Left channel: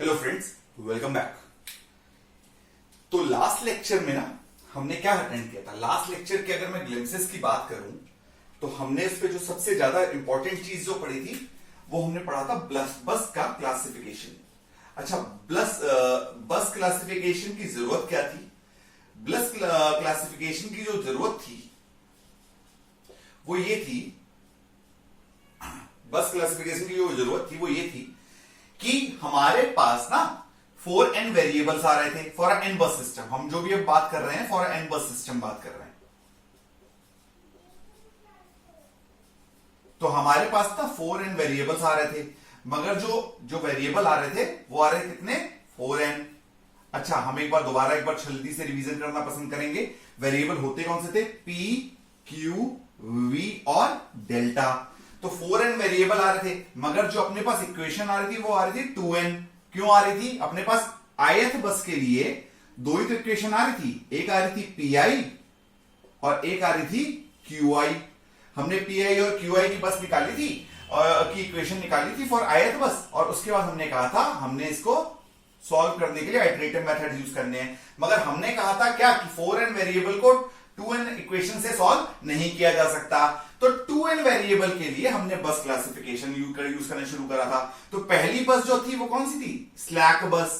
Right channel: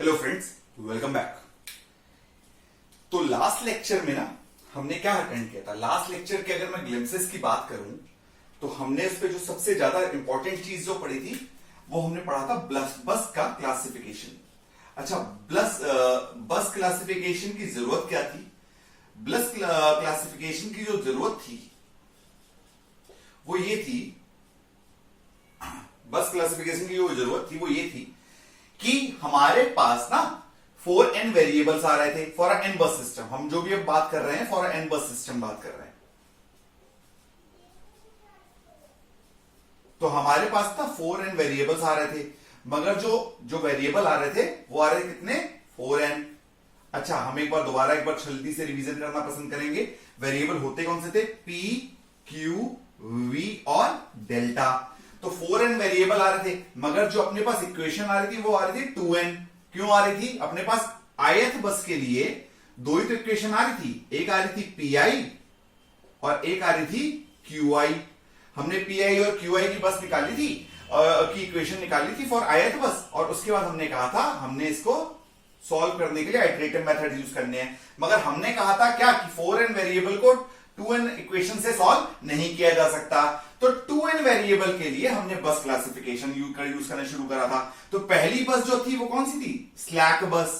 Hello friends, welcome back. तो last lecture में ना हमने क्या अटेंड किया था। लास्ट लेक्चर के अगर मैं ग्लिम्सेस की बात करूं तो हमने उस पर जो सबसे ज्यादा इंपॉर्टेंट चीज जो पढ़ी थी वो हमने पढ़ा था बस का क्लासिफिकेशन। अच्छा, बस क्लासिफिकेशन की जरूरत क्या थी? बस क्लासिफिकेशन की जो जरूरत थी वो ये थी, बस क्लासिफिकेशन की जो जरूरत थी वो ये थी कि हमारे पास ना 4n वेरिएबल्स आ रहे थे फॉर एन बस सिस्टम। हम जो भी अब बात कर रहे हैं फॉर एन बस सिस्टम बात कर रहे हैं। तो हमारे पास ना 4n वेरिएबल्स आ रहे थे, मगर जो वेरिएबल आ रहे थे वो आ रहे थे कितने? 4n। अच्छा, हम एक बार जल्दी से रिवीजन करना पसंद करेंगे। वेरिएबल होते कौन से थे? p, q, v और डेल्टा। तो 4n वेरिएबल आ रहे थे, मगर जो अपने पास इक्वेशन आ रही थी वो आ रही थी 2n। क्यों आ रही थी? अपने पास ith बस के लिए दो ही तो इक्वेशन आ रही थी, एक आ रही थी pi और एक आ रही थी qi। हमने pi और qi की बस निकाली थी की इक्वेशन निकाली थी फॉर ith बस, और उसके बाद हमने कहा था हमने इसको सॉल्व करने के लिए आइटरेटिव मेथड यूज करने हैं। मगर हमने कहा था क्या कि 4n वेरिएबल को 2n इक्वेशन से सॉल्व नहीं किया जा सकता। तो 2n वेरिएबल के लिए हमने बस क्लासिफिकेशन यूज करना शुरू करा था। तो पहली बस जो थी वो कौन सी थी? स्लैक बस।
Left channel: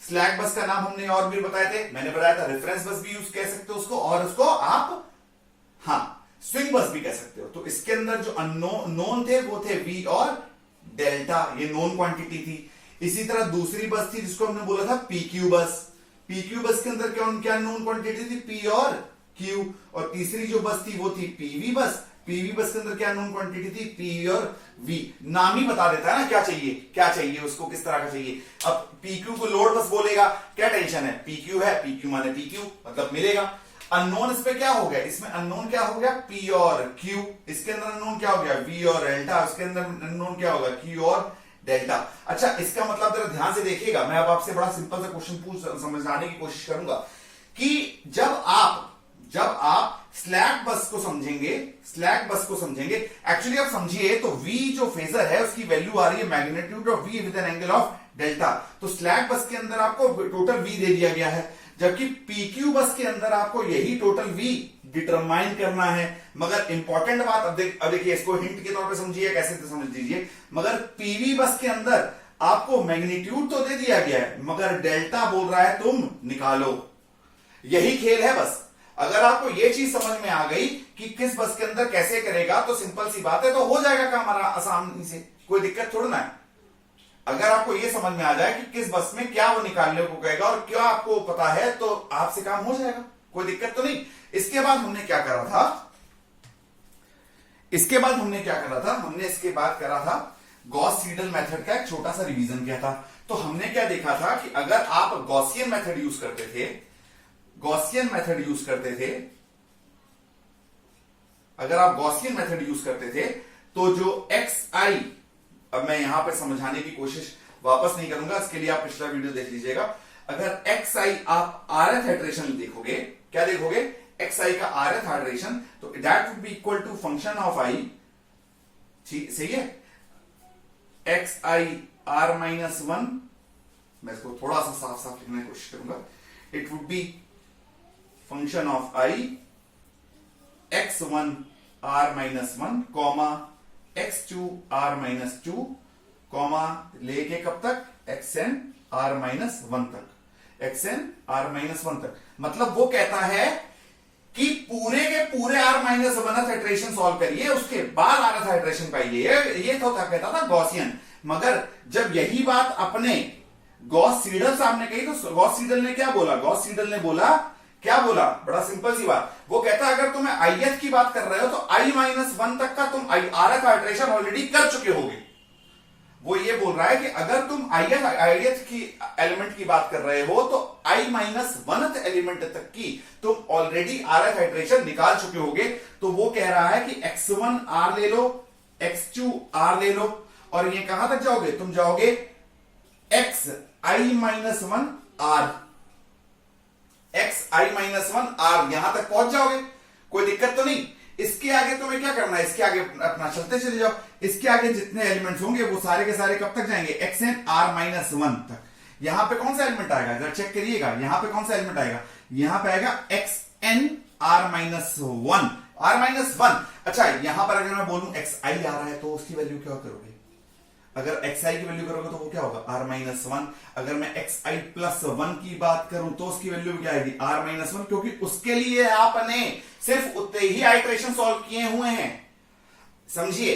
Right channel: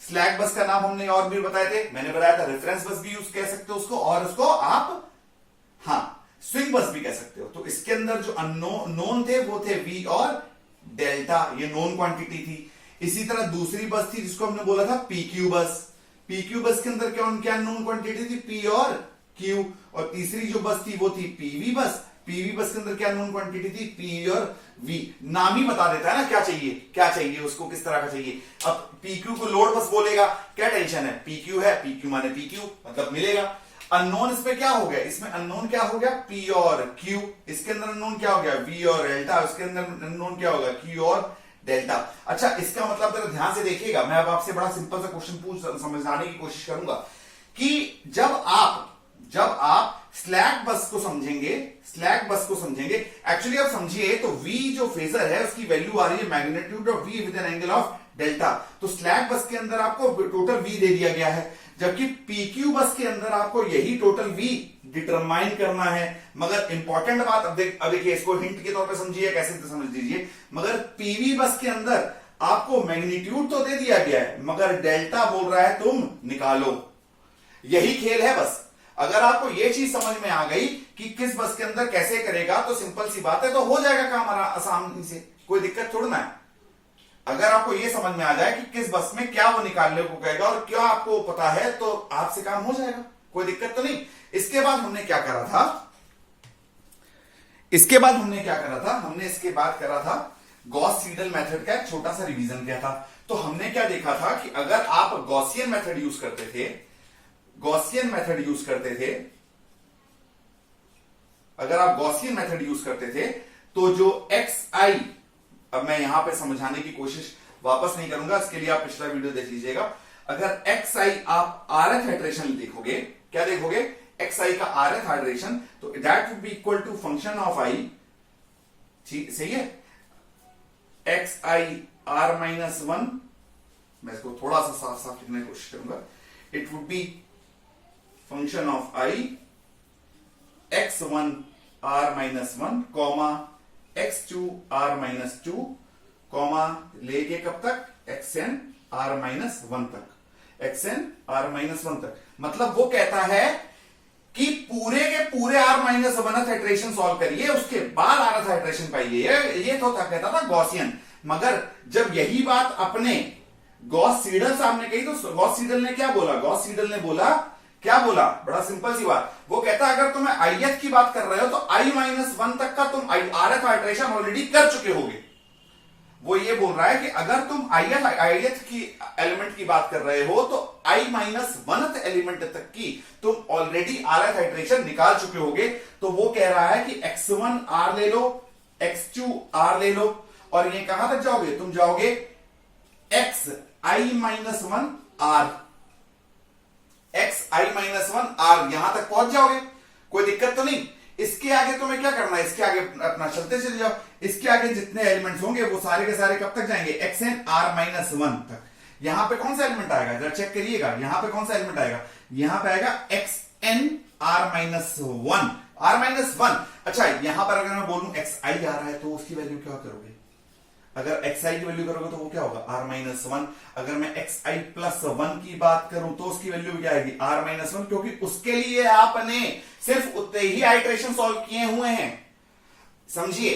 स्लैक बस का नाम हमने और भी बताए थे, मैंने बताया था रेफरेंस बस भी यूज कह सकते हो उसको, और उसको आप स्विंग बस भी कह सकते हो। तो इसके अंदर जो नोन थे वो थे v और डेल्टा, ये नोन क्वांटिटी थी। इसी तरह दूसरी बस थी जिसको हमने बोला था pq बस। pq बस के अंदर क्या नोन क्वांटिटी थी? p और q। और तीसरी जो बस थी वो थी pv बस। pv बस के अंदर क्या नोन क्वांटिटी थी? p और v। नाम ही बता देता है ना क्या चाहिए उसको, किस तरह का चाहिए। अब pq को लोड बस बोलेगा, क्या टेंशन है? pq है, pq माने pq मतलब मिलेगा। अननोन इस पे क्या हो गया? इसमें अननोन क्या हो गया? p और q। इसके अंदर अननोन क्या हो गया? v और डेल्टा। इसके अंदर अननोन क्या होगा? q और डेल्टा। अच्छा, इसका मतलब जरा ध्यान से देखिएगा, मैं अब आपसे बड़ा सिंपल सा क्वेश्चन समझाने की कोशिश करूंगा कि जब आप स्लैक बस को समझेंगे, एक्चुअली आप समझिए तो v जो फेजर है उसकी वैल्यू आ रही है magnitude of v with an angle of delta. तो स्लैक बस के अंदर आपको टोटल v दे दिया गया है, जबकि pq बस के अंदर आपको यही टोटल v डिटरमाइन करना है। मगर इंपॉर्टेंट बात, अब देखिए इसको हिंट के तौर पे समझिए, कैसे समझ लीजिए। मगर pv बस के अंदर आपको मैग्नीट्यूड तो दे दिया गया है, मगर डेल्टा बोल रहा है तुम निकालो। यही खेल है बस। अगर आपको ये चीज समझ में आ गई कि किस बस के अंदर कैसे करेगा तो सिंपल सी बात है, तो हो जाएगा काम आसानी से, कोई दिक्कत थोड़ा ना है। अगर आपको ये समझ में आ जाए कि किस बस में क्या वो निकालने को कहेगा और क्या आपको पता है तो आपसे काम हो जाएगा, कोई दिक्कत तो नहीं। इसके बाद हमने क्या करा था? हमने इसके बाद करा था गॉस सीडल मेथड का एक छोटा सा रिवीजन किया था। तो हमने क्या देखा था कि अगर आप गॉसियन मेथड यूज करते थे तो जो xi, अब मैं यहां पर समझाने की कोशिश वापस नहीं करूंगा, इसके लिए आप पिछला वीडियो देख लीजिएगा। अगर xi आप rth हाइड्रेशन देखोगे, क्या देखोगे? xi का rth हाइड्रेशन, तो that would be equal to function of i। सही है? xi r-1, मैं इसको थोड़ा सा साफ लिखने की कोशिश करूंगा। It would B function of i x1 r-1 comma x2 r-2 comma लेके कब तक? xn r-1 तक। मतलब वो कहता है कि पूरे के पूरे r-1th हाइड्रेशन सॉल्व करिए, उसके बाद rth हाइड्रेशन पाइए। ये तो कहता था गॉसियन। मगर जब यही बात अपने गॉस सीडल साहब ने कही तो गॉस सीडल ने क्या बोला? क्या बोला? बड़ा सिंपल सी बात। वो कहता है अगर तुम्हें ith की बात कर रहे हो तो i-1 तक का तुम rth हाइड्रेशन ऑलरेडी कर चुके होगे। वो ये बोल रहा है कि अगर तुम ith की एलिमेंट की बात कर रहे हो तो i-1th एलिमेंट तक की तुम ऑलरेडी rth हाइड्रेशन निकाल चुके होगे। तो वो कह रहा है कि x1 r ले लो, x2 r ले लो, और ये कहां तक जाओगे? तुम जाओगे xi-1 r, xi-1 r, यहां तक पहुंच जाओगे, कोई दिक्कत तो नहीं। इसके आगे तुम्हें क्या करना है, इसके आगे अपना चलते चले जाओ, इसके आगे जितने एलिमेंट्स होंगे वो सारे के सारे कब तक जाएंगे, xn(r-1) तक। यहां पे कौन सा एलिमेंट आएगा, जरा चेक करिएगा, यहां पे कौन सा एलिमेंट आएगा, यहां पे आएगा xn(r-1) r-1। अच्छा, यहां पर अगर मैं बोलूं xi आ रहा है तो उसकी वैल्यू क्या करोगे, अगर xi की वैल्यू करोगे तो वो क्या होगा, r-1। अगर मैं xi+1 की बात करूं तो उसकी वैल्यू क्या आएगी, r-1, क्योंकि उसके लिए आपने सिर्फ उतने ही आइटरेशन सॉल्व किए हुए हैं। समझिए,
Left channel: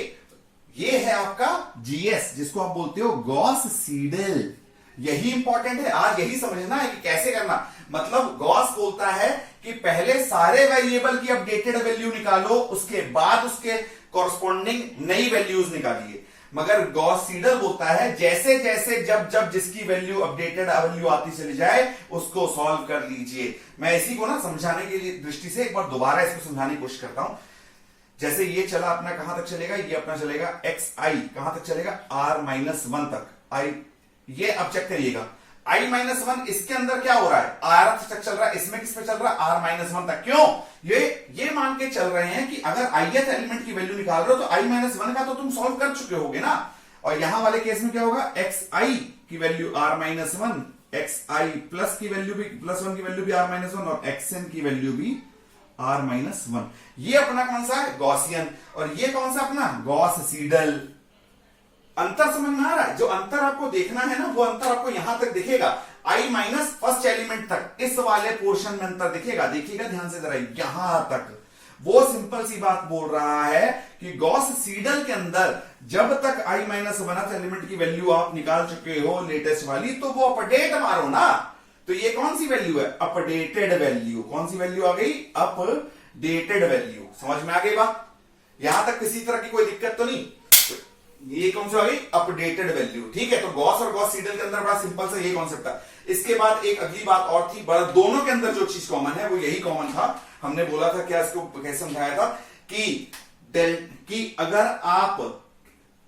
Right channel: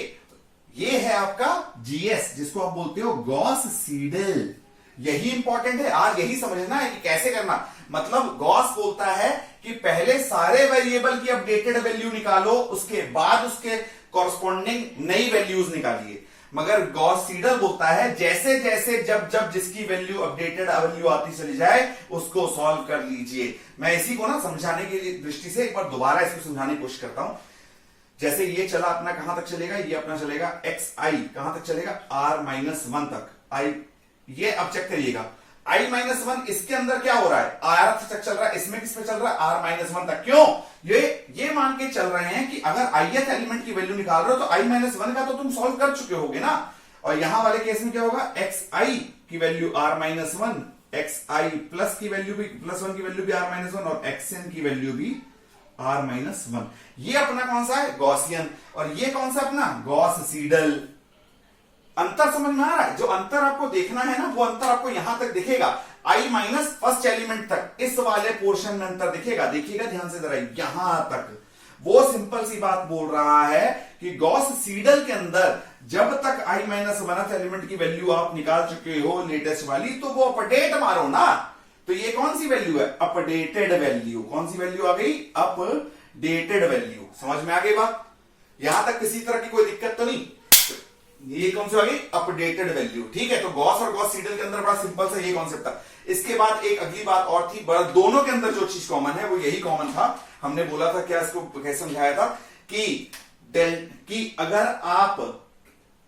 ये है आपका जीएस, जिसको आप बोलते हो गॉस सीडल। यही इंपॉर्टेंट है, आज यही समझना है कि कैसे करना। मतलब गॉस बोलता है कि पहले सारे वेरिएबल की अपडेटेड वैल्यू निकालो, उसके बाद उसके कॉरस्पॉन्डिंग नई वैल्यूज निकालिए। मगर गॉस सीडल बोलता है जैसे जैसे जब जब जिसकी वैल्यू अपडेटेड वैल्यू आती चली जाए उसको सॉल्व कर लीजिए। मैं इसी को ना समझाने की दृष्टि से एक बार दोबारा इसको समझाने की कोशिश करता हूं। जैसे ये चला अपना कहां तक चलेगा, ये अपना चलेगा xi कहां तक चलेगा, r-1 तक। ये अब चेक करिएगा, i-1 इसके अंदर क्या हो रहा है, r तक चल रहा है, इसमें किस पे चल रहा है, r-1 तक। क्यों, ये मान के चल रहे हैं कि अगर ith एलिमेंट की वैल्यू निकाल रहे हो तो i-1 का तो तुम सॉल्व कर चुके होगे ना। और यहां वाले केस में क्या होगा, xi की वैल्यू r-1, xi प्लस की वैल्यू भी +1 की वैल्यू भी r-1 और xn की वैल्यू भी r-1। ये अपना कौन सा है, गॉसियन, और ये कौन सा अपना गॉस सीडल। अंतर समझ में आ रहा है, जो अंतर आपको देखना है ना वो अंतर आपको यहां तक दिखेगा, i- फर्स्ट एलिमेंट तक, इस वाले पोर्शन में अंतर दिखेगा। देखिएगा ध्यान से जरा, यहां तक वो सिंपल सी बात बोल रहा है कि गॉस सीडल के अंदर जब तक i-1 एलिमेंट की वैल्यू आप निकाल चुके हो लेटेस्ट वाली, तो वो अपडेट मारो ना। तो ये कौन सी वैल्यू है, अपडेटेड वैल्यू। कौन सी वैल्यू आ गई, अपडेटेड वैल्यू। समझ में आ गई बात, यहां तक किसी तरह की कोई दिक्कत तो नहीं। ये कौन सी आ गई, अपडेटेड वैल्यू। ठीक है, तो गॉस और गॉस सीडल के अंदर बड़ा सिंपल सा ये कॉन्सेप्ट था। इसके बाद एक अगली बात और थी, बड़ा दोनों के अंदर जो चीज कॉमन है वो यही कॉमन था। हमने बोला था, क्या इसको कैसे समझाया था कि अगर आप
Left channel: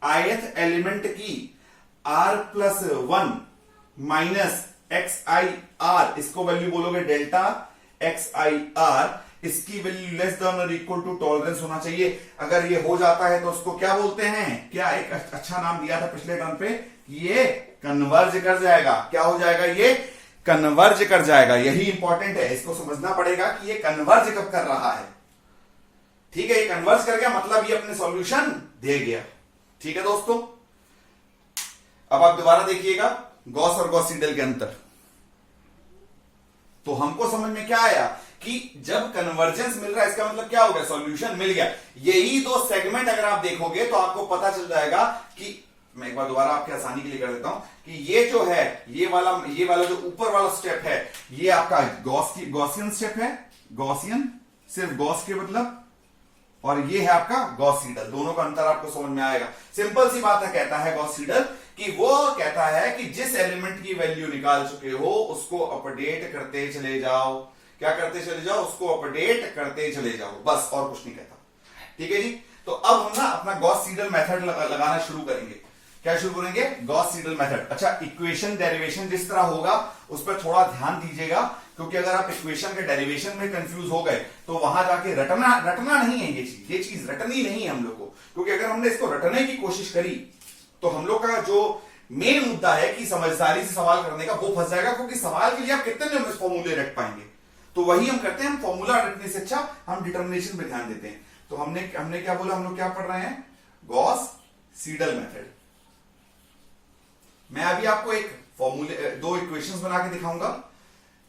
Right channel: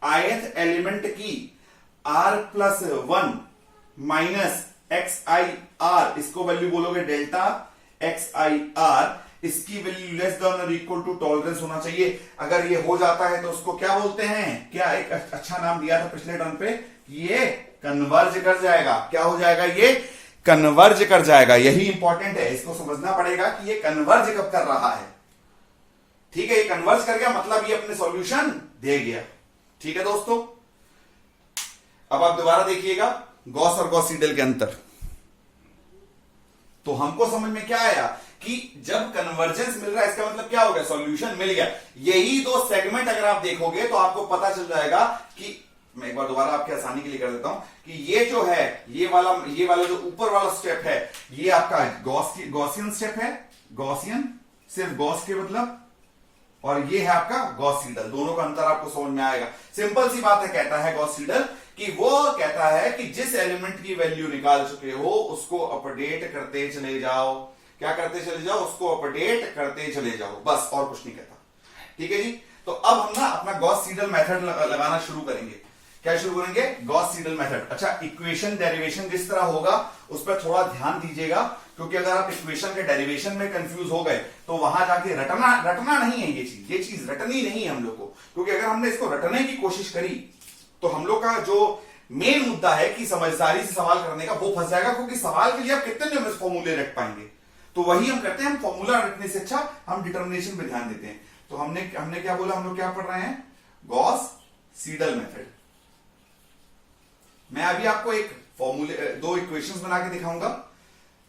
ith एलिमेंट की r+1 माइनस xi(r), इसको वैल्यू बोलोगे डेल्टा xi(r), इसकी वैल्यू लेस देन और इक्वल टू टॉलरेंस होना चाहिए। अगर ये हो जाता है तो उसको क्या बोलते हैं, क्या एक अच्छा नाम दिया था पिछले टर्म पे, ये कन्वर्ज कर जाएगा। क्या हो जाएगा, ये कन्वर्ज कर जाएगा। यही इंपॉर्टेंट है, इसको समझना पड़ेगा कि ये कन्वर्ज कब कर रहा है। ठीक है, ये कन्वर्ज कर गया मतलब ये अपने सॉल्यूशन दे गया। ठीक है दोस्तों, अब आप दोबारा देखिएगा गॉस और गॉस सीडल के अंतर। तो हमको समझ में क्या आया कि जब कन्वर्जेंस मिल रहा है इसका मतलब क्या हो गया, सॉल्यूशन मिल गया। यही दो सेगमेंट अगर आप देखोगे तो आपको पता चल जाएगा कि, मैं एक बार दोबारा आपकी आसानी के लिए कर देता हूं, कि ये जो है ये वाला जो ऊपर वाला स्टेप है ये आपका गॉसियन स्टेप है, गॉसियन सिर्फ गॉस के मतलब, और ये है आपका गॉस सीडल। दोनों का अंतर आपको समझ में आएगा। सिंपल सी बात है, कहता है गॉस सीडल कि वो कहता है कि जिस एलिमेंट की वैल्यू निकाल चुके हो उसको अपडेट करते चले जाओ। क्या करते चले जाओ, उसको अपडेट करते चले जाओ, बस, और कुछ नहीं कहता। ठीक है जी, तो अब हम ना अपना गॉस सीडल मेथड लगाना शुरू करेंगे। क्या शुरू करेंगे, गॉस सीडल मेथड। अच्छा, इक्वेशन डेरिवेशन जिस तरह होगा उस पर थोड़ा ध्यान दीजिएगा, क्योंकि अगर आप इक्वेशन के डेरिवेशन में कंफ्यूज हो गए तो वहां जाके रटना नहीं है। ये चीज रटनी नहीं है हम लोग को, क्योंकि अगर हमने इसको रटने की कोशिश करी तो हम लोग का जो मेन मुद्दा है कि समझदारी से सवाल करने का, वो फंस जाएगा। क्योंकि सवाल के लिए आप कितने फॉर्मूले रट पाएंगे, तो वही हम करते हैं। हम फॉर्मूला रटने से अच्छा हम डिटर्मिनेशन पे ध्यान देते हैं। तो हमने क्या बोला, हम लोग क्या पढ़ रहे हैं, गॉस सीडल मेथड। मैं अभी आपको एक फॉर्मूले, दो इक्वेशंस बना के दिखाऊंगा।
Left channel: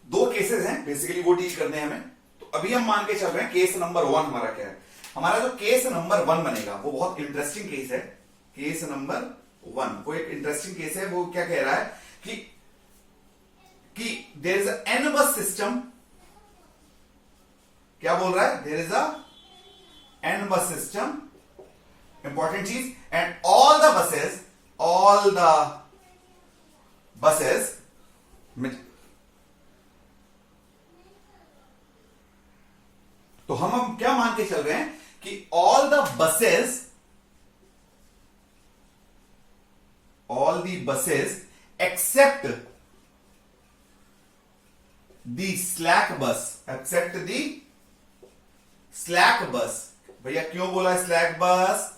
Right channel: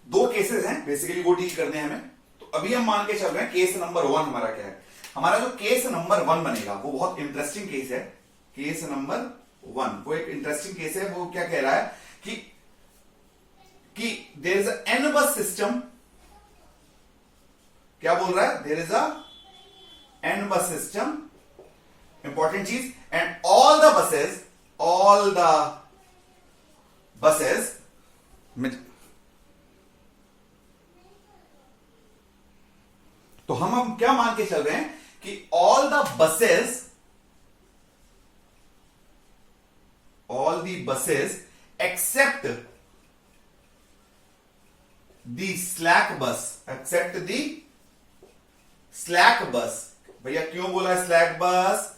दो केसेस हैं बेसिकली, वो डील करने हैं हमें। तो अभी हम मान के चल रहे हैं केस नंबर 1 हमारा क्या है। हमारा जो केस नंबर 1 बनेगा वो बहुत इंटरेस्टिंग केस है। केस नंबर 1 वो एक इंटरेस्टिंग केस है। वो क्या कह रहा है कि there is an bus system. क्या बोल रहा है, there is a an bus system, important चीज, एंड ऑल द बसेस तो हम क्या मान के चल रहे हैं कि all the buses except the slack bus भैया क्यों बोला स्लैक बस?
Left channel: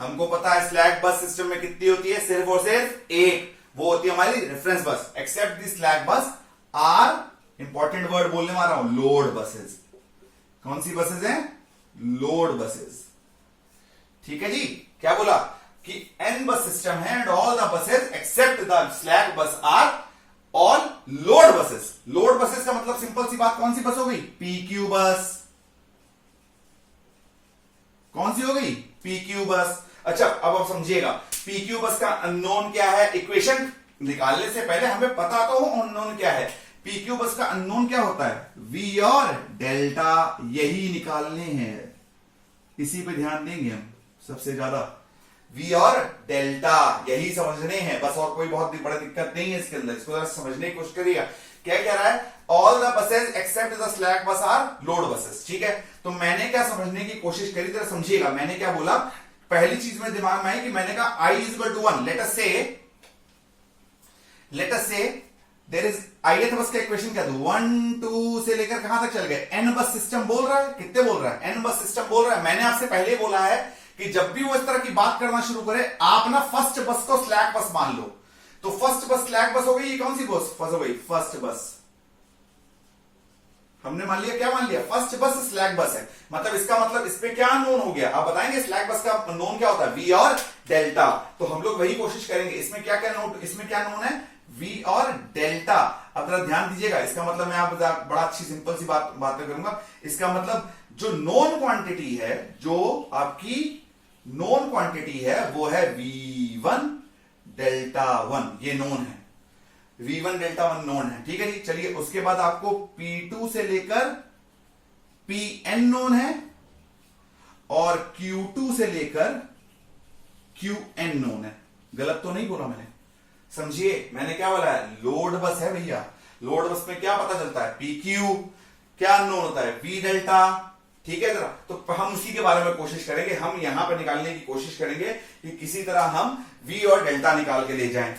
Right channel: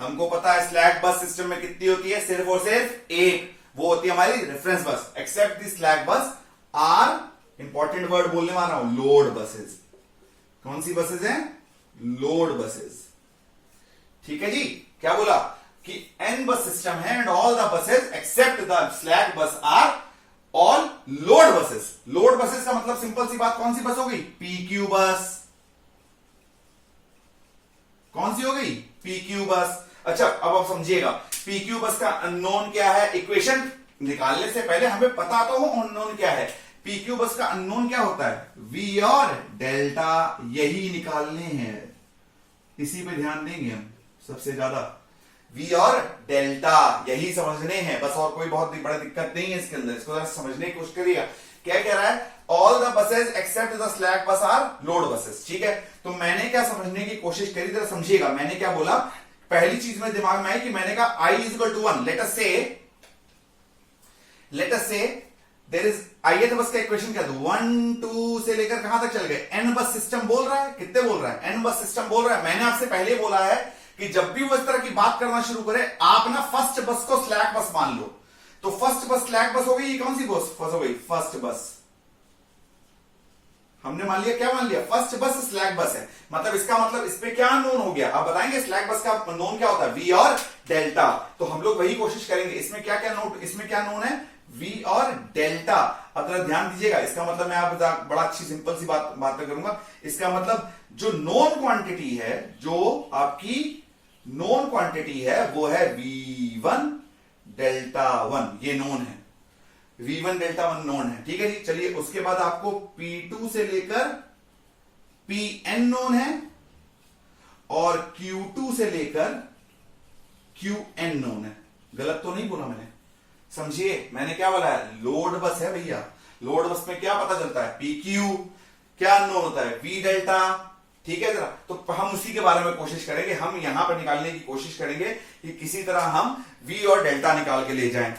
हमको पता है स्लैक बस सिस्टम में कितनी होती है, सिर्फ और सिर्फ एक, वो होती है हमारी रेफरेंस बस। Accept the slack bus are, important word बोलने वाला हूं, लोड बसेस। कौन सी बसेस हैं? Load buses. ठीक है जी। क्या बोला कि एन बस सिस्टम है and all the buses except the slack bus are all load buses. Load buses का मतलब सिंपल सी बात, कौन सी बस हो गई? पीक्यू बस। कौन सी हो गई? पीक्यू बस। अच्छा अब आप समझिएगा, पीक्यू बस का अननोन क्या है? इक्वेशन निकालने से पहले हमें पता तो हो अननोन क्या है। पीक्यू बस का अननोन क्या होता है? वी और डेल्टा, यही निकालने हैं, इसी पे ध्यान देंगे हम सबसे ज्यादा। वी और डेल्टा यही समझने हैं बस, और कोई बहुत बड़ा दिक्कत नहीं है इसके अंदर। इसको जरा समझने की कोशिश करिएगा। क्या कह रहा है? All the buses except the slack bus are load buses. ठीक है, तो मैंने क्या समझने की कोशिश करी, जरा समझिएगा। मैंने क्या बोला? पहली चीज मेरे दिमाग में आई कि मैंने कहा i is equal to 1। Let us say there is ith बस का इक्वेशन क्या था? 1 2 से लेकर कहां तक चल गए? एन बस सिस्टम बोल रहा है। कितने बोल रहा है? एन बस सिस्टम बोल रहा है। मैंने आपसे पहले बोला है कि जब भी वो इस तरह की बात करना शुरू करे, आप ना फर्स्ट बस को स्लैक बस मान लो। तो फर्स्ट बस स्लैक बस हो गई। ये कौन सी बस हो गई? फर्स्ट बस। हमने मान लिया, क्या मान लिया? फर्स्ट बस स्लैक बस है। मतलब इसका मतलब इस पे क्या नोन हो गया? आप बताएंगे स्लैक बस का नोन क्या होता है? वी और डेल्टा। तो हम लोग वही कोशिश करेंगे। इसमें क्या क्या नोट, इसमें क्या नोन है? वी और डेल्टा। अब जरा ध्यान दीजिएगा, इसका मतलब मैं आप बड़ा अच्छी सिंपल सी बात करूंगा। इसका मतलब जो नोन क्वांटिटी है, जो आपकी नोन क्वांटिटी है, वो है V1 डेल्टा 1। ये नोन है, V1 डेल्टा 1 नोन है। ठीक है जी। चलिए उसके बाद आपको P2 से लेकर Pn नोन है और Q2 से लेकर Qn नोन है। गलत तो नहीं बोला मैंने? समझिए मैंने क्या बोला है? लोड बस है भैया। लोड बस में क्या पता चलता है? PQ। क्या नोन होता है? V delta. ठीक है जरा, तो हम उसी के बारे में कोशिश करेंगे। हम यहां पर निकालने की कोशिश करेंगे कि किसी तरह हम V और डेल्टा निकाल के ले जाएं।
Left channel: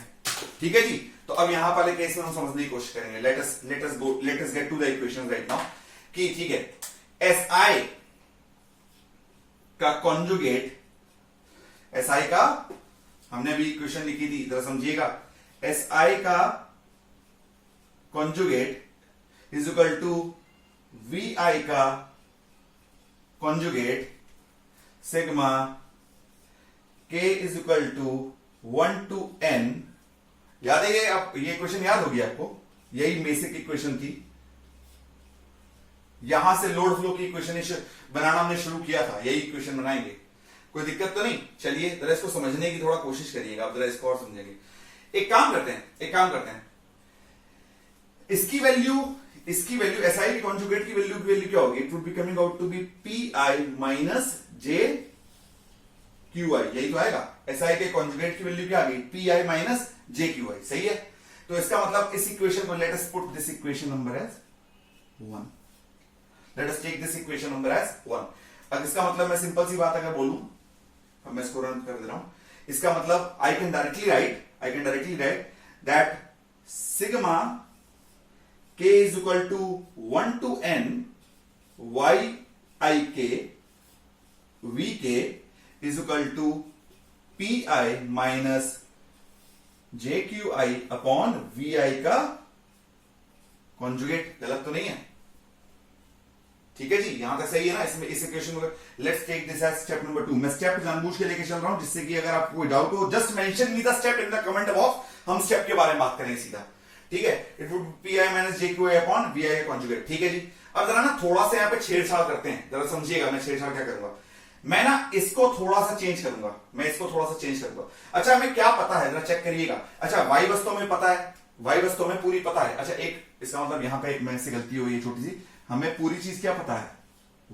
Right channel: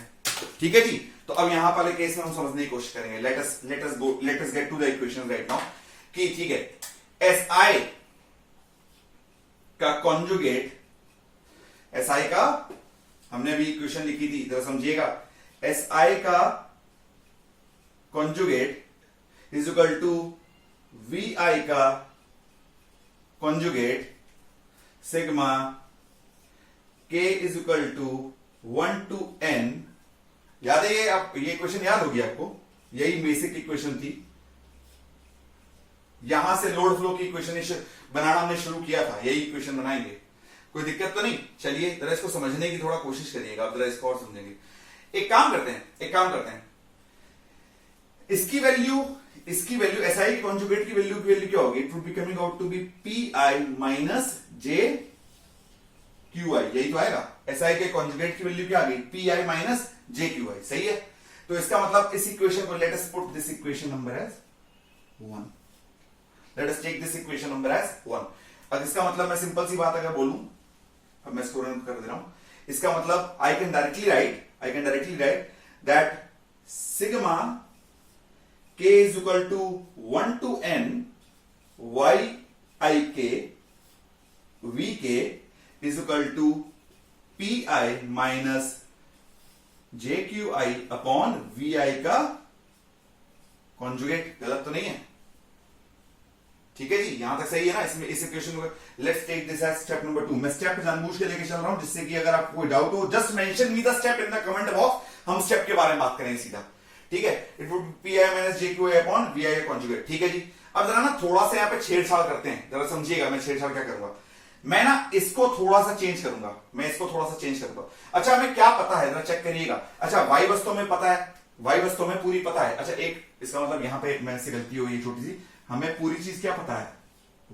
ठीक है जी। तो अब यहां वाले केस में हम समझने की कोशिश करेंगे। Let us get to the equation right now. कि ठीक है, SI का कॉन्जुगेट, SI का हमने अभी इक्वेशन लिखी थी, जरा समझिएगा। SI का conjugate is equal to VI का conjugate sigma K is equal to 1 to n। याद है ये इक्वेशन याद होगी आपको? यही बेसिक इक्वेशन थी। यहां से लोड फ्लो की इक्वेशन बनाना हमने शुरू किया था, यही इक्वेशन बनाएंगे। कोई दिक्कत तो नहीं? चलिए जरा इसको समझने की थोड़ा कोशिश करिएगा। आप जरा इसको और समझेंगे। एक काम करते हैं, इसकी वैल्यू SI के कॉन्जुगेट की वैल्यू क्या होगी? It would be coming out to be PI minus JQI। यही तो आएगा। SI के कॉन्जुगेट की वैल्यू क्या आ गई? PI minus JQI। सही है। तो इसका मतलब इस इक्वेशन को, let us put this equation number as 1। Let us take this equation number as 1। अब इसका मतलब मैं सिंपल सी बात अगर बोलूं, अब मैं इसको रन कर दे रहा हूं। इसका मतलब I can directly right that sigma K is equal to 1 to n YIK VK is equal to PI minus JQI upon VI का कॉन्जुगेट। गलत तो नहीं है? ठीक है जी, यहां तक सही है ना? इसमें इस इक्वेशन को let's take this as step number 2। मैं स्टेप जानबूझ के लेके चल रहा हूं जिससे कि अगर आपको कोई डाउट हो, just mention me the step in the comment box. हम स्टेप के बारे में बात करेंगे सीधा। ठीक है, it would PI minus JQI upon VI conjugate. ठीक है जी। अब जरा ना थोड़ा सा यहाँ पे छेड़छाड़ करते हैं, जरा समझिएगा। मैं छेड़छाड़ क्या करूंगा? मैं ना इसको थोड़ा सा चेंज करूंगा। अच्छा हमें क्या पता है, जरा चेक करिएगा। अच्छा Y बस तो हमें पता है, Y बस तो हमें पूरी पता है। अच्छा एक इसका मतलब यहां पे मेरे से गलती हुई है छोटी सी। हमें पूरी चीज क्या पता है?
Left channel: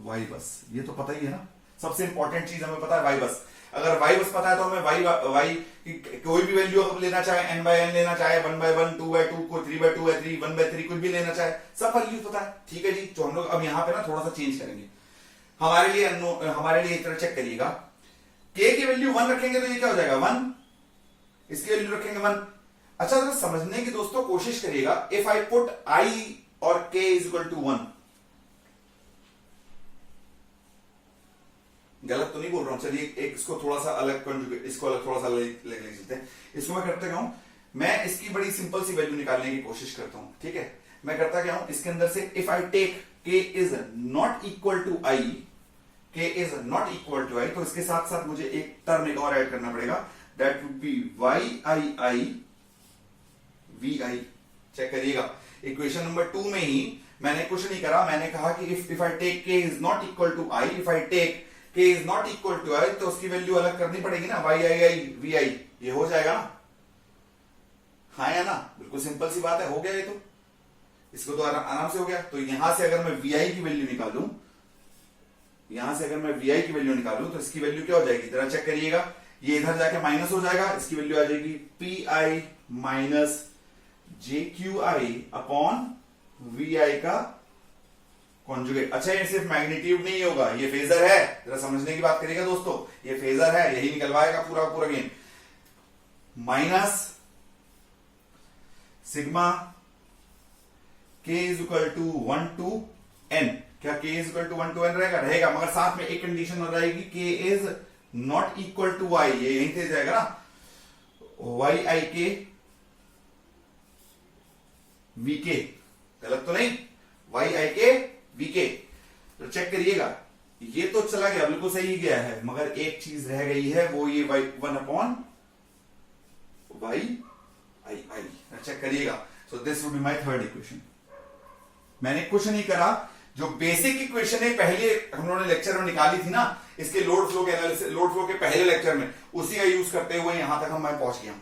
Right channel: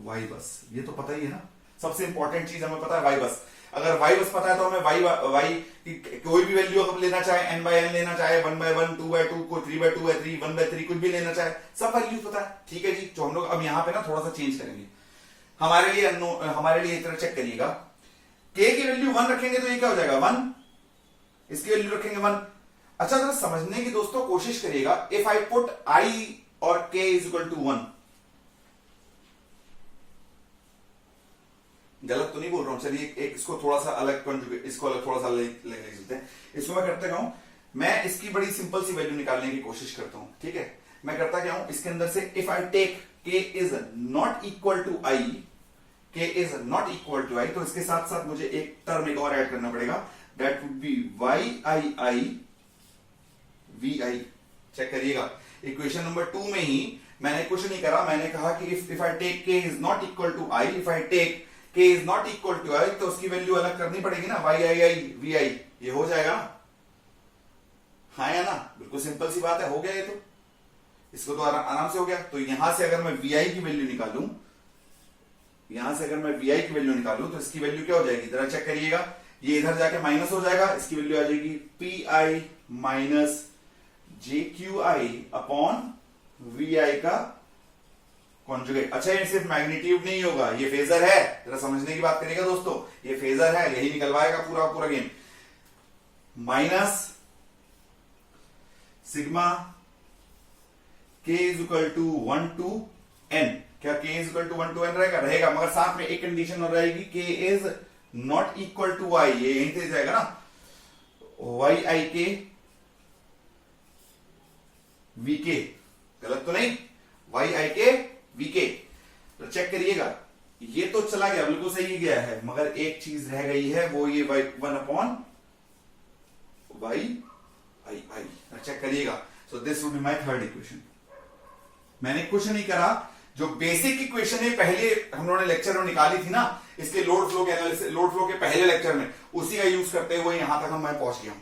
Y बस। ये तो पता ही है ना, सबसे इंपॉर्टेंट चीज हमें पता है Y बस। अगर Y बस पता है तो हमें Y कोई भी वैल्यू अगर लेना चाहे, n/n लेना चाहे, 1/1, 2/2, कोई 3/2 है, 3 1/3 कुछ भी लेना चाहे, सब वैल्यू पता है। ठीक है जी। तो हम लोग अब यहां पे ना थोड़ा सा चेंज करेंगे। हमारे लिए एक तरह चेक करिएगा। K की वैल्यू 1 रखेंगे तो ये क्या हो जाएगा? 1। इसकी वैल्यू रखेंगे 1। अच्छा जरा समझने की दोस्तों कोशिश करिएगा। इफ आई पुट I और K इज इक्वल टू 1, गलत तो नहीं बोल रहा हूं, चलिए एक इसको थोड़ा सा अलग कंजुगेट, इसको अलग थोड़ा सा अलग लेते हैं। इसको मैं करते क्या हूं, मैं इसकी बड़ी सिंपल सी वैल्यू निकालने की कोशिश करता हूं। ठीक है, मैं करता क्या हूं, इसके अंदर से if i take k is not equal to i, k is not equal to i, तो इसके साथ साथ मुझे एक टर्म एक और ऐड करना पड़ेगा, that would be Y I I V I. Check करिएगा, इक्वेशन नंबर 2 में ही मैंने कुछ नहीं करा, मैंने कहा कि if i take k is not equal to i, if i take k is not equal to i, तो उसकी वैल्यू अलग करनी पड़ेगी ना, वाई आई आई वी आई, ये हो जाएगा ना, हाँ या ना, बिल्कुल सिंपल सी बात है, हो गया ये तो, इसको तो आराम से हो गया। तो यहां से अगर मैं वी आई की वैल्यू निकालूं, यहां से अगर मैं वी आई की वैल्यू निकालूं तो इसकी वैल्यू क्या हो जाएगी, जरा चेक करिएगा, ये इधर जाके माइनस हो जाएगा, इसकी वैल्यू आ जाएगी p i minus j q i upon v i का कॉन्जुगेट। अच्छा, ये सिर्फ मैग्नीट्यूड नहीं होगा, ये फेजर है, जरा समझने की बात करिएगा दोस्तों, ये फेजर है, यही निकलवाएगा पूरा पूरा game. Minus sigma k is equal to 1 to n, क्या k is equal to 1 to n रहेगा, रहेगा, मगर साथ में एक कंडीशन हो रहेगी, k is not equal to y, ये यहीं से जाएगा ना, y i k v k, गलत तो नहीं, y i k v k। तो चेक करिएगा, ये तो चला गया, बिल्कुल सही गया है, मगर एक चीज रह गई है, वो ये 1 upon y i i। Check करिएगा, so this would be my third equation. मैंने कुछ नहीं करा, जो बेसिक इक्वेशन है पहले हम लोगों ने लेक्चर में निकाली थी ना, इसके लोड फ्लो के एनालिसिस, लोड फ्लो के पहले लेक्चर में, उसी का यूज करते हुए यहां तक मैं पहुंच गया।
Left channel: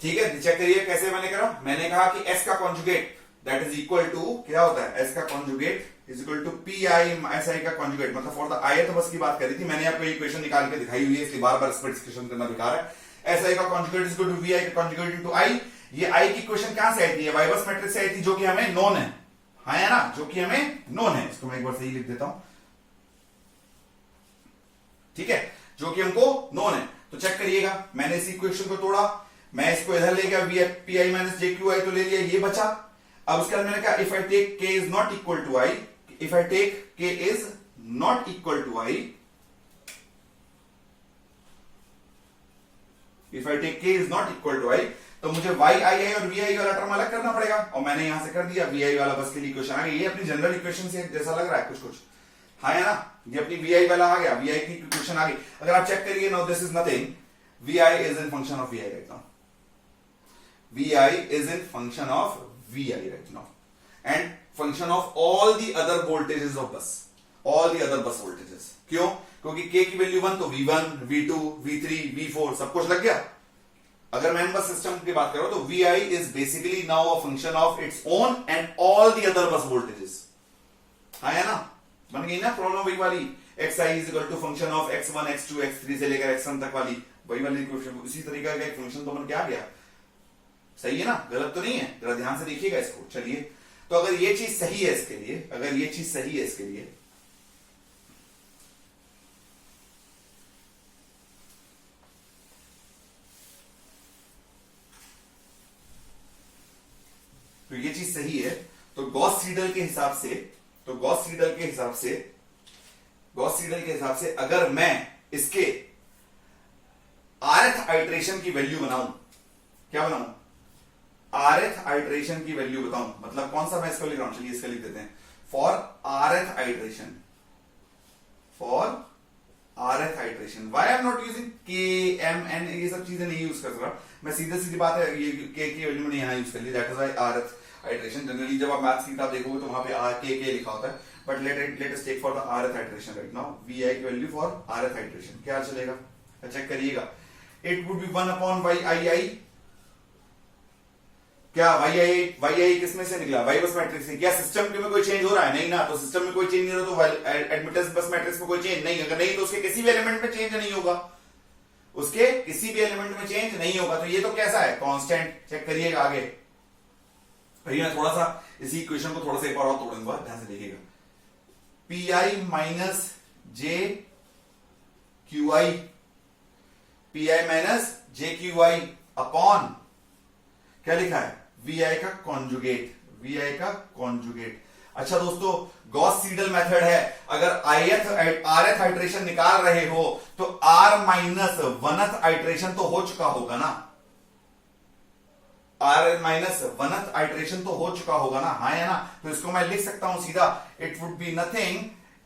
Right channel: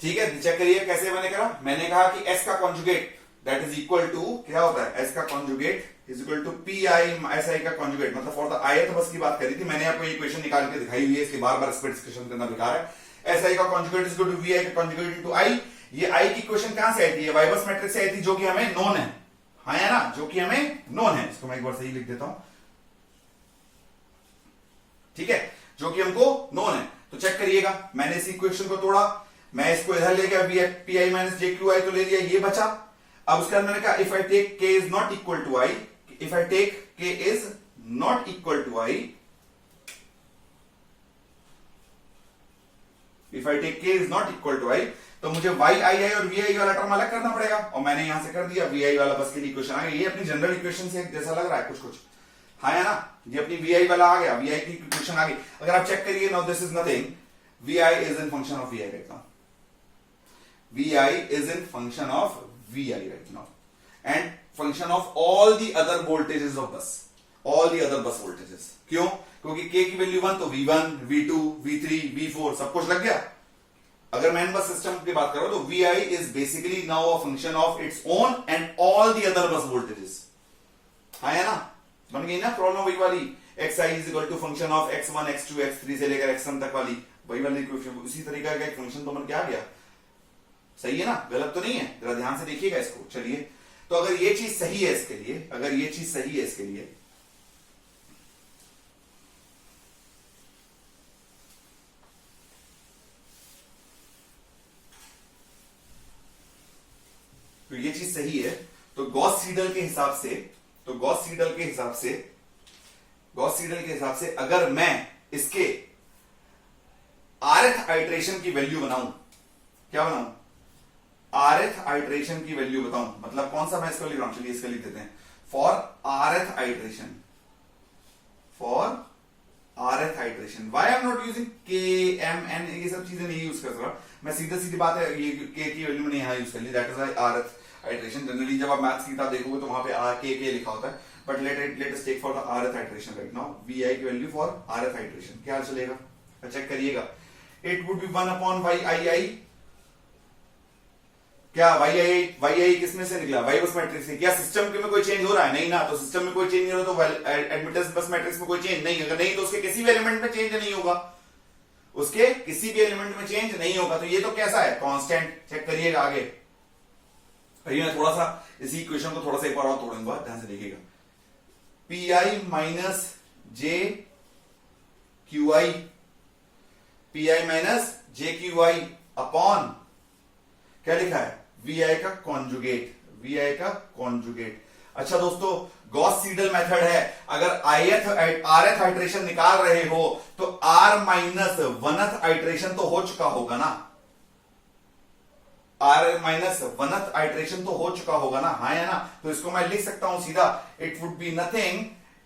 ठीक है, चेक करिए कैसे मैंने करा, मैंने कहा कि s का conjugate that is equal to, क्या होता है, s का conjugate is equal to P I S आई का कॉन्जुगेट, मतलब फॉर द ith बस की बात करी थी मैंने, आपको इक्वेशन निकाल के दिखाई हुई है, इसलिए बार बार इस पर डिस्कशन करना बेकार है। एस आई का conjugate is equal to v i का कॉन्जुगेट इनटू आई। ये आई की इक्वेशन कहां से आई थी, वाई बस मैट्रिक्स से आई थी, जो कि हमें नोन है, हाँ या ना, जो कि हमें नोन है, इसको मैं एक बार सही लिख देता हूं, ठीक है, जो कि हमको नोन है। तो चेक करिएगा, मैंने इस इक्वेशन को तोड़ा, मैं इसको इधर ले गया, P i minus j q आई तो ले लिया, ये बचा। अब उसके बाद मैंने कहा if i take k is not equal to i, if i take k is not equal to i, if i take k is not equal to i, तो मुझे वाई आई आई और वी आई वाला टर्म अलग करना पड़ेगा, और मैंने यहां से कर दिया, वी आई वाला बस के लिए इक्वेशन आ गई, ये अपनी जनरल इक्वेशन से जैसा लग रहा है कुछ कुछ, हाँ है ना, ये अपनी वी आई वाला आ गया, वी आई की इक्वेशन आ गई। अगर आप चेक करिए, no this is nothing, V I is in function of V I right now, V I is in function of V I right now, and function of all the other voltages of bus, all the other bus voltages. क्यों, क्योंकि k की value 1, तो v1 v2 v3 v4 सब कुछ लग गया। अगर मैं बस सिस्टम की बात करूं तो vi is basically now a function of its own and all the other bus voltages, है ना, बन गई ना प्रॉब्लम वही वाली, xi is equal to function of x1 x2 x3 से लेकर xn तक वाली, वही वाली इक्वेशन, उसी तरीके का एक फंक्शन तो बन के आ गया, सही है ना, गलत तो नहीं है, जरा ध्यान से देखिएगा इसको। चलिए, तो अगर ये चीज सही है इसके लिए, अगर ये चीज सही है इसके लिए, तो ये चीज सही है, तो गॉस सीडल के हिसाब से, तो गॉस सीडल के हिसाब से, गॉस सीडल के हिसाब से अगर मैं इसके rth आइट्रेशन की वैल्यू बनाऊं, क्या बनाऊं, rth आइट्रेशन की वैल्यू बताऊं, मतलब कौन सा मैं इसको लिख रहा हूं, चलिए इसका लिख देते हैं, for rth iteration, for rth iteration, why I am not using k m n, ये सब चीजें नहीं यूज कर रहा मैं, सीधी सीधी बात है, ये k की वैल्यू मैंने यहां यूज कर ली, that is rth iteration. Generally जब आप मैथ्स की किताब देखोगे तो वहां पे k लिखा होता है, but let us take for the rth iteration right now, vi की वैल्यू फॉर rth आइट्रेशन क्या चलेगा, चेक करिएगा, it would be 1 upon y I i, क्या वाई आई किसमें से निकला, वाई बस मैट्रिक्स से, क्या सिस्टम में कोई चेंज हो रहा है, नहीं ना, तो सिस्टम में कोई चेंज नहीं हो रहा तो एडमिटेंस बस मैट्रिक्स में कोई चेंज नहीं, अगर नहीं तो उसके किसी भी एलिमेंट में चेंज नहीं होगा, उसके किसी भी एलिमेंट में चेंज नहीं होगा, तो ये तो कैसा है, कांस्टेंट। चेक करिएगा आगे, मैं थोड़ा सा इसी इक्वेशन को थोड़ा सा एक बार और तोड़ूंगा, ध्यान से देखिएगा, P i minus j q I, P i minus j q i upon क्या लिखा है, वी आई का कॉन्जुगेट, वी आई का कॉन्जुगेट। अच्छा दोस्तों, गॉस सीडल मेथड है, अगर आरएथ आइट्रेशन निकाल रहे हो तो आर माइनस वनथ आइट्रेशन तो हो चुका होगा ना, आर माइनस वनथ आइट्रेशन तो हो चुका होगा ना, हाँ या ना। तो इसको मैं लिख सकता हूं सीधा, it would be nothing,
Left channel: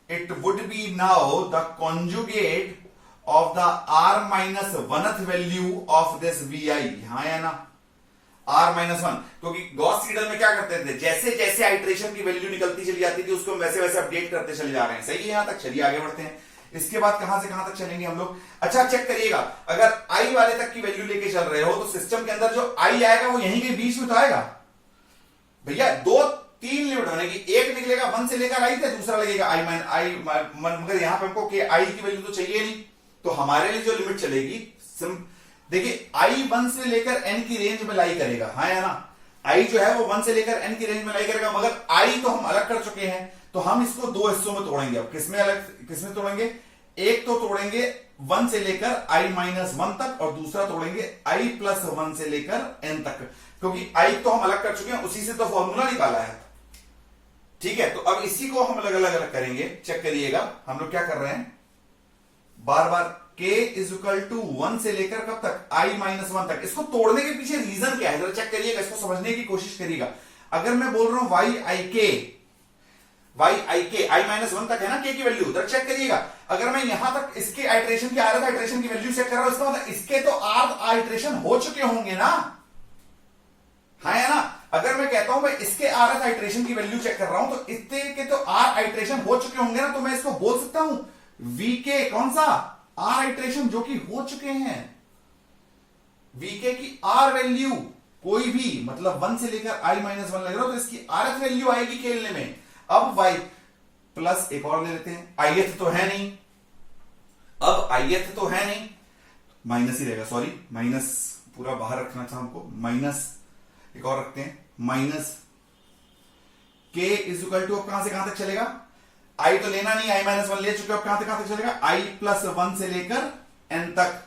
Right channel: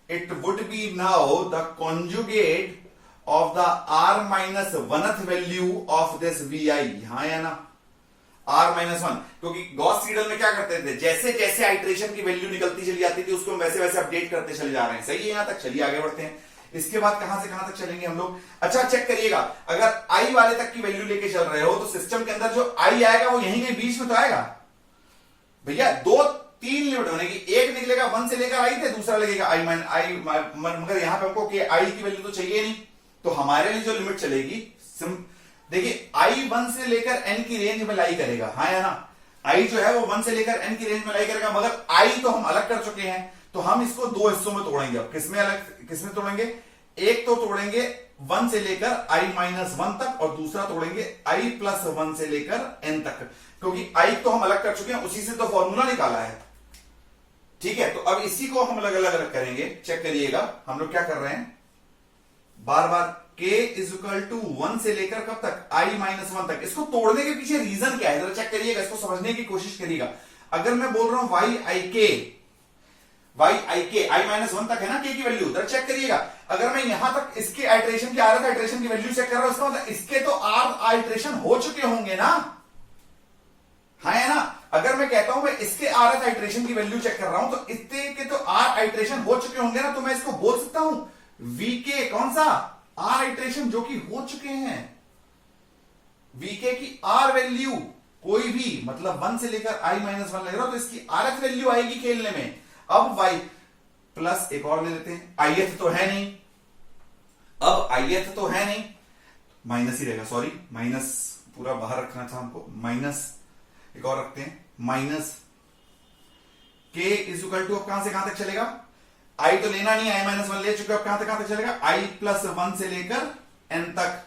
it would be now the conjugate of the r minus oneth value of this v i, हाँ या ना, आर माइनस वन। क्योंकि गॉस सीडल में क्या करते थे, जैसे जैसे आइट्रेशन की वैल्यू निकलती चली जाती थी उसको हम वैसे वैसे अपडेट करते चले जा रहे हैं, सही है यहां तक, चलिए आगे बढ़ते हैं। इसके बाद कहां से कहां तक चलेंगे हम लोग। अच्छा चेक करिएगा, अगर आई वाले तक की वैल्यू लेके चल रहे हो तो सिस्टम के अंदर जो आई आएगा वो यहीं के बीच में तो आएगा भैया, दो तीन लिमिट बनेगी, एक निकलेगा 1 से लेकर आई थे, दूसरा लगेगा आई माइन आई, मगर यहां पे हमको कि आई की वैल्यू तो चाहिए नहीं, तो हमारे लिए जो लिमिट चलेगी देखिए आई 1 से लेकर एन की रेंज में लाई करेगा, हाँ या ना, आई जो है वो 1 से लेकर एन की रेंज में लाई करेगा, मगर आई तो हम अलग कर चुके हैं, तो हम इसको दो हिस्सों में तोड़ेंगे। अब किसमें तोड़ेंगे, एक तो तोड़ेंगे 1 से लेकर आई माइनस 1 तक और दूसरा तोड़ेंगे आई प्लस 1 से लेकर एन तक, क्योंकि आई तो हम अलग कर चुके हैं, उसी से तो फॉर्मूला निकाला है, ठीक है। तो अब इसी को हम अलग अलग करेंगे, चेक करिएगा हम लोग क्या कर रहे हैं, बार बार k इज इक्वल टू 1 से लेकर कब तक, i माइनस 1 तक। इसको तोड़ने के पीछे रीजन क्या है जरा चेक करिएगा, इसको समझने की कोशिश करिएगा। अगर मैं बोल रहा हूं y i k i minus 1 तक है ना k की वैल्यू, जरा चेक करिएगा, अगर मैं यहां तक इसके आइट्रेशन की आरथ आइट्रेशन की वैल्यू चेक कर रहा हूं, इसका मतलब इसके तो आर आइट्रेशन हो चुके होंगे ना, हाँ या ना। अगर मैं कहता हूं मैं इसके आरथ आइट्रेशन की वैल्यू चेक कर रहा हूं तो इसके के तो आर आइट्रेशन हो चुके होंगे ना, तो मैं इसको बोल सकता हूं वीके कौन सा, आर आइट्रेशन जो कि हो चुके हैं, वीके की आर वैल्यू कोई भी मतलब 1 से लेकर आई माइनस 1 लग रहा हो तो इसकी आरएफ वैल्यू आएगी खेलने में। अब वाई प्लस एक और ले लेते हैं, आईएथ तो है नहीं, अब आईएथ तो है नहीं, माइनस ही रहेगा, सॉरी माइनस पूरा बाहर रखना था हमको, माइनस एक और रखते हैं, माइनस के इज इक्वल टू, अब कहां से कहां तक चलेगा, आई तो लेना नहीं, आई माइनस 1 ले चुके हो, अब कहां तक चलेगा, आई प्लस 1 से लेकर एन तक।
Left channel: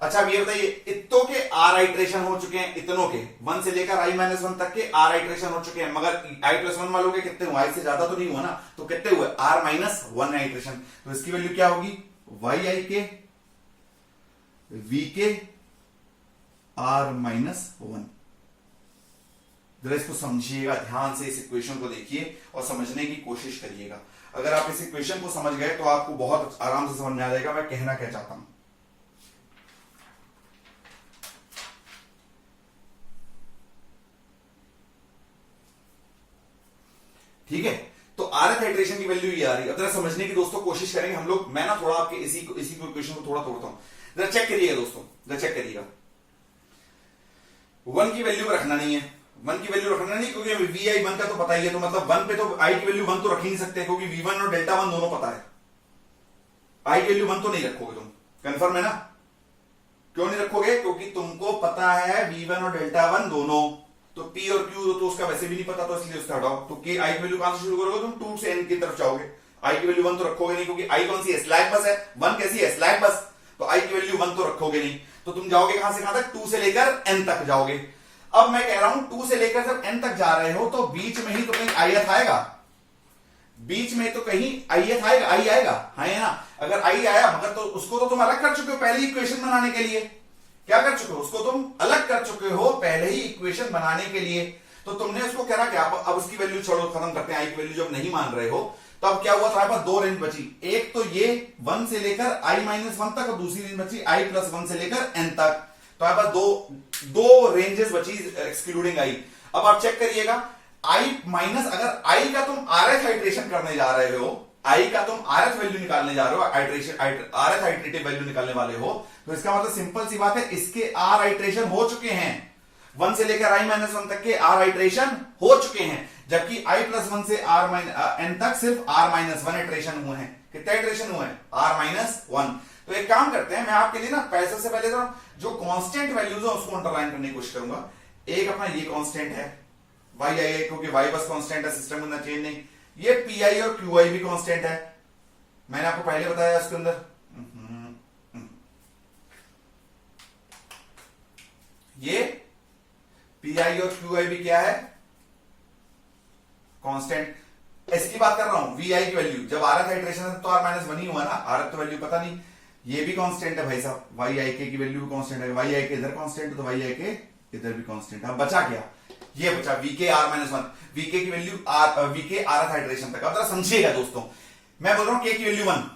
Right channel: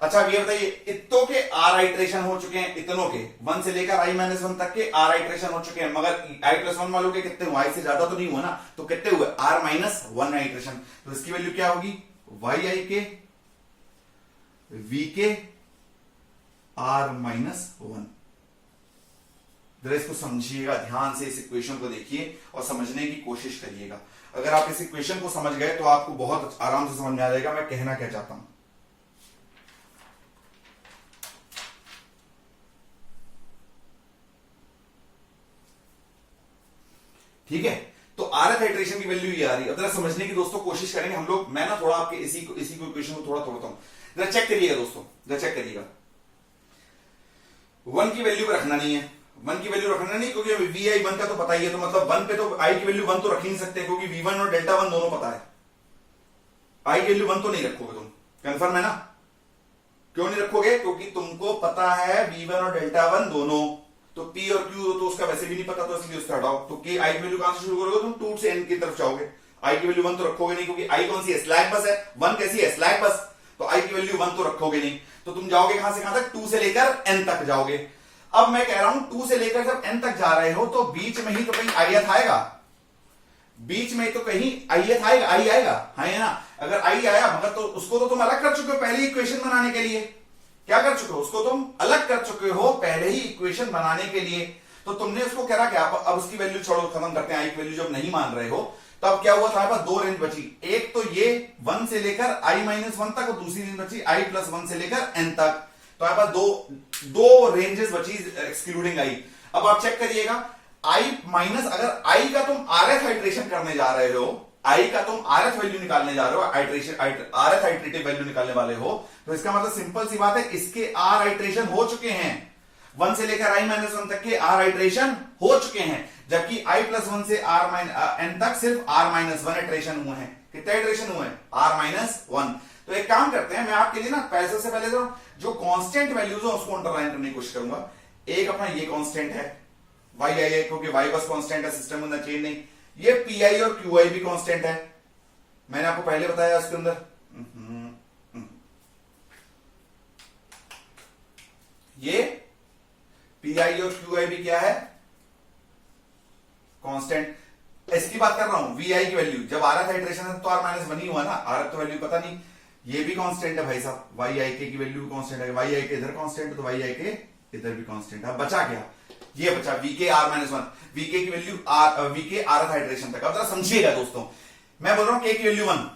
अच्छा अब ये बताइए, इतनों के आर आइट्रेशन हो चुके हैं, इतनों के 1 से लेकर आई माइनस 1 तक के आर आइट्रेशन हो चुके हैं, मगर आई प्लस 1 वालों के कितने हुए, आई से ज्यादा तो नहीं हुआ ना, तो कितने हुए, आर माइनस 1 आइट्रेशन। तो इसकी वैल्यू क्या होगी, वाई आई के वी के आर माइनस 1। जरा इसको समझिएगा, ध्यान से इस इक्वेशन को देखिए और समझने की कोशिश करिएगा। अगर आप इस इक्वेशन को समझ गए तो आपको बहुत आराम से समझ में आ जाएगा मैं कहना क्या चाहता हूं। ठीक है, तो आरएफ हाइड्रेशन की वैल्यू ये आ रही है। जरा समझने की दोस्तों कोशिश करेंगे हम लोग, मैं ना थोड़ा आपके इसी को इक्वेशन को थोड़ा तोड़ता हूं, जरा चेक करिएगा दोस्तों, जरा चेक करिएगा। 1 की वैल्यू रखना नहीं है, 1 की वैल्यू रखना नहीं, क्योंकि वी आई 1 का तो पता ही है, तो मतलब 1 पे तो आई की वैल्यू 1 तो रख ही नहीं सकते, क्योंकि V1 और डेल्टा 1 दोनों पता है, आई की वैल्यू 1 तो नहीं रखोगे तुम, कंफर्म है ना। क्यों नहीं रखोगे, क्योंकि तुमको पता है V1 और डेल्टा 1 दोनों, तो P और Q तो उसका वैसे भी नहीं पता, तो इसलिए उसका हटाओ। तो K आई की वैल्यू कहां से शुरू करोगे तुम, 2 से n की तरफ जाओगे, आई की वैल्यू 1 तो रखोगे नहीं, क्योंकि आई कौन सी है, स्लैक बस है, 1 कैसी है, स्लैक बस, तो आई की वैल्यू 1 तो रखोगे नहीं, तो तुम जाओगे कहां से कहां तक, 2 से लेकर n तक जाओगे। अब मैं कह रहा हूं 2 से लेकर जब n तक जा रहे हो तो बीच में ही तो कहीं आईएथ आएगा, बीच में तो कहीं आईएथ आएगा, आई आएगा, हाँ या ना। अगर आई आया मगर तो उसको तो तुम अलग कर चुके हो पहले ही इक्वेशन बनाने के लिए, क्या कर चुके हो, उसको तुम अलग कर चुके हो पहले ही इक्वेशन बनाने के लिए, तो तुमने उसको करा क्या, अब उसकी वैल्यू छोड़ो, खत्म करते हैं, आई की वैल्यू जब नहीं मान रहे हो तो अब क्या हुआ, तुम्हारे पास 2 रेंज बची, एक तो ये 1 से लेकर आई माइनस 1 तक और दूसरी रेंज बची आई प्लस 1 से लेकर n तक, तो आपके पास दो रेंजेस बची एक्सक्लूडिंग आई। अब आप चेक करिएगा, आई माइनस, अगर आई का तुम आरएफ हाइड्रेशन करने जा रहे हो, आई का तुम आरएफ वैल्यू निकालने जा रहे हो, आरएफ हाइड्रेटिव वैल्यू निकालने वाले हो, तो इसका मतलब सिंपल सी बात है, इसके आर हाइड्रेशन हो चुके हैं, 1 से लेकर आई माइनस 1 तक के आर हाइड्रेशन हो चुके हैं, जबकि आई प्लस 1 से आर माइनस एन तक सिर्फ आर माइनस 1 हाइड्रेशन हुए हैं। कितने हाइड्रेशन हुए हैं, आर माइनस 1। तो एक काम करते हैं, मैं आपके लिए ना पैसे से पहले जो कांस्टेंट वैल्यूज है उसको अंडरलाइन करने की कोशिश करूंगा। एक अपना ये कांस्टेंट है वाई आई, क्योंकि वाई बस कांस्टेंट है, सिस्टम में चेंज नहीं। ये पी आई और क्यू आई भी कांस्टेंट है, मैंने आपको पहले बताया उसके अंदर। ये पी आई और क्यू आई भी क्या है, कांस्टेंट। इसकी बात कर रहा हूं, वी आई की वैल्यू जब आरएफ आइट्रेशन है तो आर माइनस वन ही हुआ ना, आरएफ तो वैल्यू पता नहीं, ये भी कांस्टेंट है भाई साहब, वाई आई के की वैल्यू भी कांस्टेंट है, वाई आई के इधर कांस्टेंट है तो वाई आई के इधर भी कांस्टेंट है। अब बचा क्या, ये बचा vk r minus one, vk की value r, vk rth iteration तक। अब समझिएगा दोस्तों, मैं बोल रहा हूं के की वैल्यू वन,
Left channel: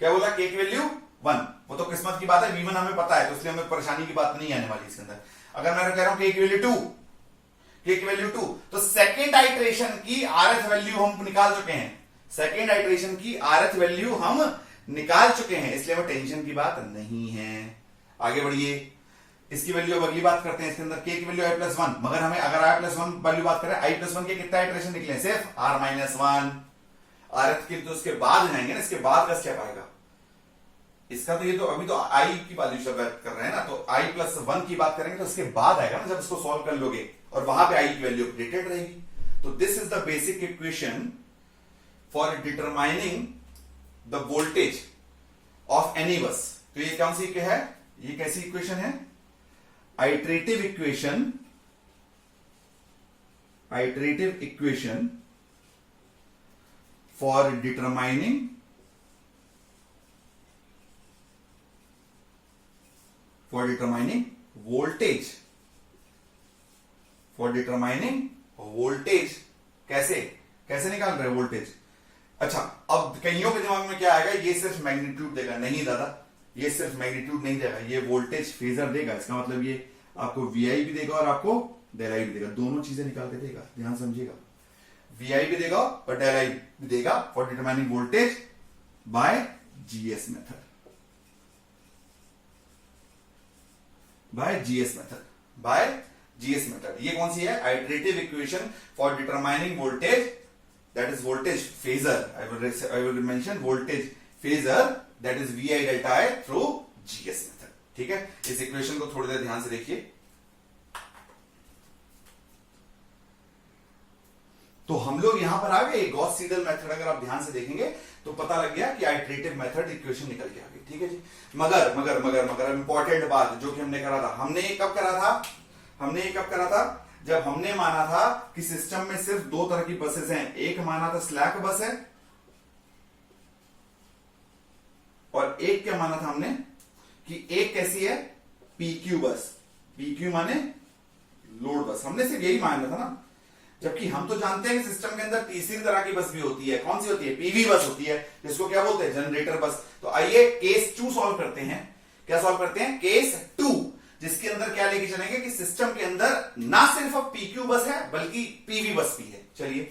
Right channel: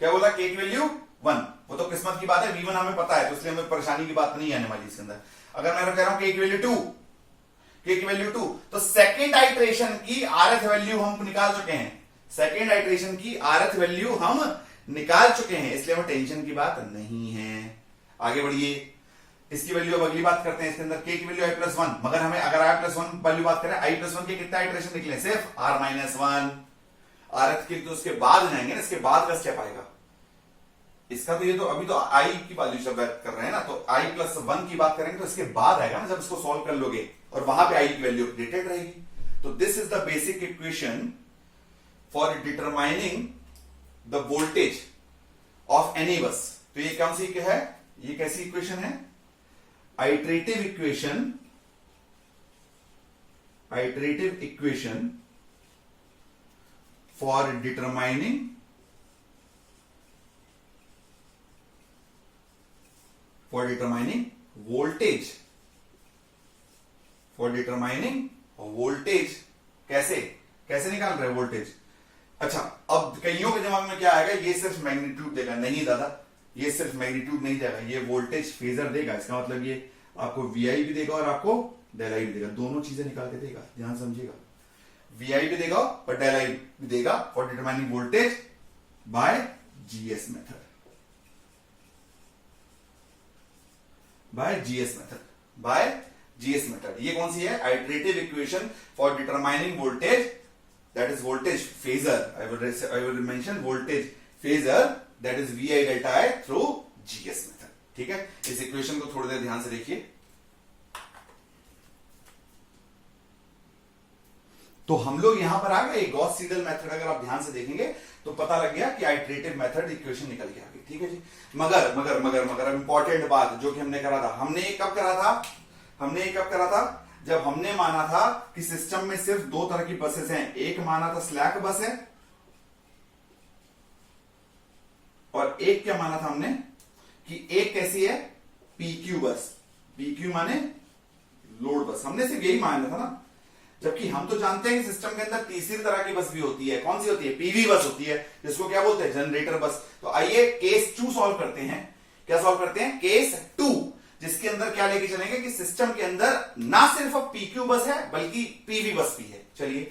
क्या बोला, के की वैल्यू वन, वो तो किस्मत की बात है, V1 हमें पता है तो इसलिए हमें परेशानी की बात नहीं आने वाली इसके अंदर। अगर मैं कह रहा हूं के की वैल्यू टू, के की वैल्यू टू, तो सेकेंड आइट्रेशन की आरएथ वैल्यू हम निकाल चुके हैं, सेकेंड आइट्रेशन की आरएथ वैल्यू हम निकाल चुके हैं, इसलिए हमें टेंशन की बात नहीं है। आगे बढ़िए, इसकी वैल्यू अब अगली बात करते हैं, इसके अंदर के की वैल्यू आई प्लस वन, मगर हमें अगर आई प्लस वन वैल्यू बात करें, आई प्लस वन के कितना आइट्रेशन निकले, सिर्फ आर माइनस वन, आरएथ के तो उसके बाद जाएंगे ना, इसके बाद का स्टेप आएगा इसका, तो ये तो अभी तो आई की वैल्यू से बात कर रहे हैं ना, तो आई प्लस वन की बात करेंगे तो इसके बाद आएगा ना, जब इसको सॉल्व कर लोगे और वहां पे आई की वैल्यू अपडेटेड रहेगी। तो this is the basic equation for determining the voltage of any बस। तो ये कौन सी है, ये कैसी इक्वेशन है, iterative equation, iterative equation for determining voltage, for determining voltage, कैसे निकाल रहे हैं वोल्टेज। अच्छा, अब कईयों के दिमाग में क्या आएगा, ये सिर्फ मैग्नीट्यूड देगा, नहीं दादा ये सिर्फ मैग्नीट्यूड नहीं देगा, ये वोल्टेज फेजर देगा, इसका मतलब ये आपको वीआई भी देगा और आपको डेल आई भी देगा, दोनों चीजें निकाल के देगा, ध्यान समझिएगा, वीआई भी देगा और डेल आई भी देगा for determining voltage by GS method, by GS method. ये कौन सी है, iterative equation for determining voltage, that is voltage phasor, I will mention voltage phasor, that is V I delta I through GS method. ठीक है, इस equation को थोड़ी देर ध्यान से देखिए। तो हम लोग यहां पर आ गए, गॉस सीडल मेथड अगर आप ध्यान से देखेंगे तो पता लग गया कि आइट्रेटिव मेथड इक्वेशन निकल के आ गई। ठीक है जी, मगर इंपॉर्टेंट बात जो कि हमने करा था, हमने ये कब करा था, जब हमने माना था कि सिस्टम में सिर्फ दो तरह की बसेस हैं, एक माना था स्लैक बस है और एक क्या माना था हमने कि एक कैसी है, पीक्यू बस, पीक्यू माने लोड बस, हमने सिर्फ यही माना था ना, जबकि हम तो जानते हैं कि सिस्टम के अंदर तीसरी तरह की बस भी होती है, कौन सी होती है, पीवी बस होती है, जिसको क्या बोलते हैं, जनरेटर बस। तो आइए केस 2 सॉल्व करते हैं, क्या सॉल्व करते हैं, केस 2, जिसके अंदर क्या लेके चलेंगे कि सिस्टम के अंदर ना सिर्फ पीक्यू बस है बल्कि पीवी बस भी है। चलिए